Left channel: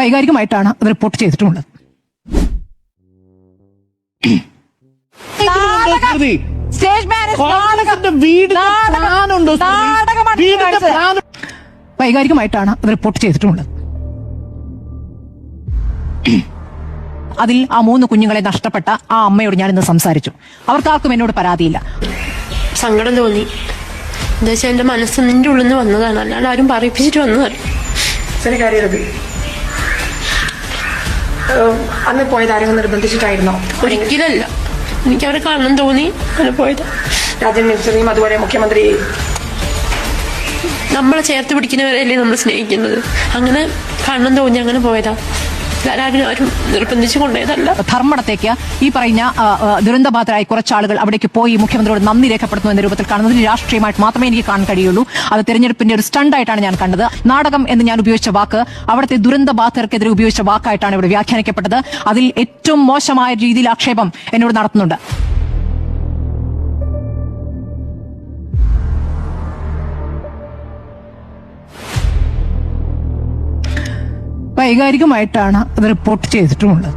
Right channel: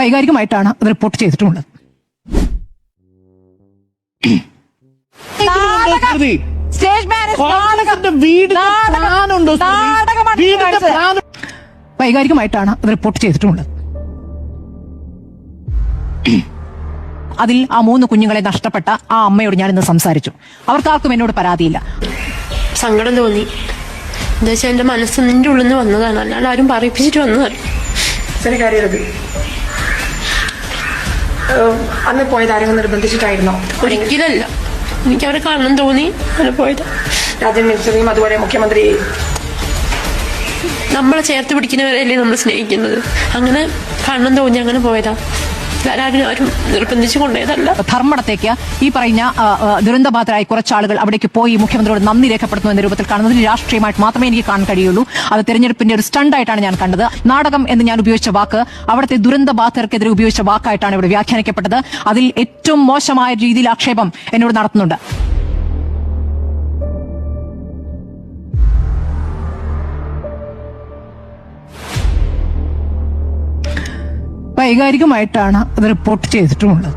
വൈകാരികമായിട്ടാണ് അത് റിപ്പോർട്ട് ചെയ്തിട്ടുള്ളത്. വൈകാരികമായിട്ടാണ് അത് റിപ്പോർട്ട് ചെയ്തിട്ടുള്ളത്. അതിൽ ആ 3 കുഞ്ഞുങ്ങളെ നഷ്ടപ്പെട്ട ആ അമ്മയോട് ഞാനിന്ന് സംസാരിച്ചു. അവർക്കാർക്കും എന്നോട് പരാതിയില്ല. സങ്കടം തോന്നി. എന്താ വെച്ചാൽ എന്റെ മനസ്സ് നിന്റെ ഉള്ളിൽ നിന്ന് വന്നതാണ്, അല്ലാണ്ട് ആരും പറയിപ്പിച്ചിട്ട് വന്നതല്ല. അന്ന് പോയത് ആരെങ്കിലും നിർബന്ധിച്ചിട്ടായിരുന്നോ? ഒരിക്കലല്ല, എനിക്കവരെ കാണണം തോന്നി അങ്ങനെ പോയത്. രാജൻ മിനിസ്റ്ററിയും അതുപോലെ മുഖ്യമന്ത്രി നമ്മളെ ചേർത്ത് പിടിക്കുന്നവരെയല്ലേ നമ്മൾ സ്നേഹിക്കുന്നത്. അങ്ങനെ കാണണം തോന്നി അങ്ങനെ പോയതാ, ആരും നിർബന്ധിച്ച് കൊണ്ടുപോയതല്ല. ധർമ്മടത്തേക്ക് ഈ പറഞ്ഞ ദുരന്തബാധിതരായ കുറച്ചാളുകൾ അവിടേക്ക് പോയി മുഖ്യമന്ത്രിയോട് നന്ദി രേഖപ്പെടുത്തുന്ന രൂപത്തിൽ കാണുന്നത് രാഷ്ട്രീയമായിട്ട് മാത്രമേ എനിക്ക് കാണാൻ കഴിയുള്ളൂ. അത് തെരഞ്ഞെടുപ്പിന്റെ ഒരു സ്റ്റണ്ടായിട്ടാണ് ഞാൻ കണ്ടത്. നാടകം എന്ന് ഞാൻ ഉപയോഗിച്ച വാക്ക് അവിടുത്തെ ദുരന്തബാധിതർക്കെതിരെ ഉപയോഗിച്ച വാക്കായിട്ടാണ് ഇവിടെ വ്യാഖ്യാനിക്കപ്പെട്ടത്. അതിൽ ഏറ്റവും മോശമായ രീതിയിൽ ആക്ഷേപം എന്നോട് നടത്തുന്നുണ്ട്. വൈകാരികമായിട്ടാണ് അത് റിപ്പോർട്ട് ചെയ്തിട്ടുമുള്ളത്.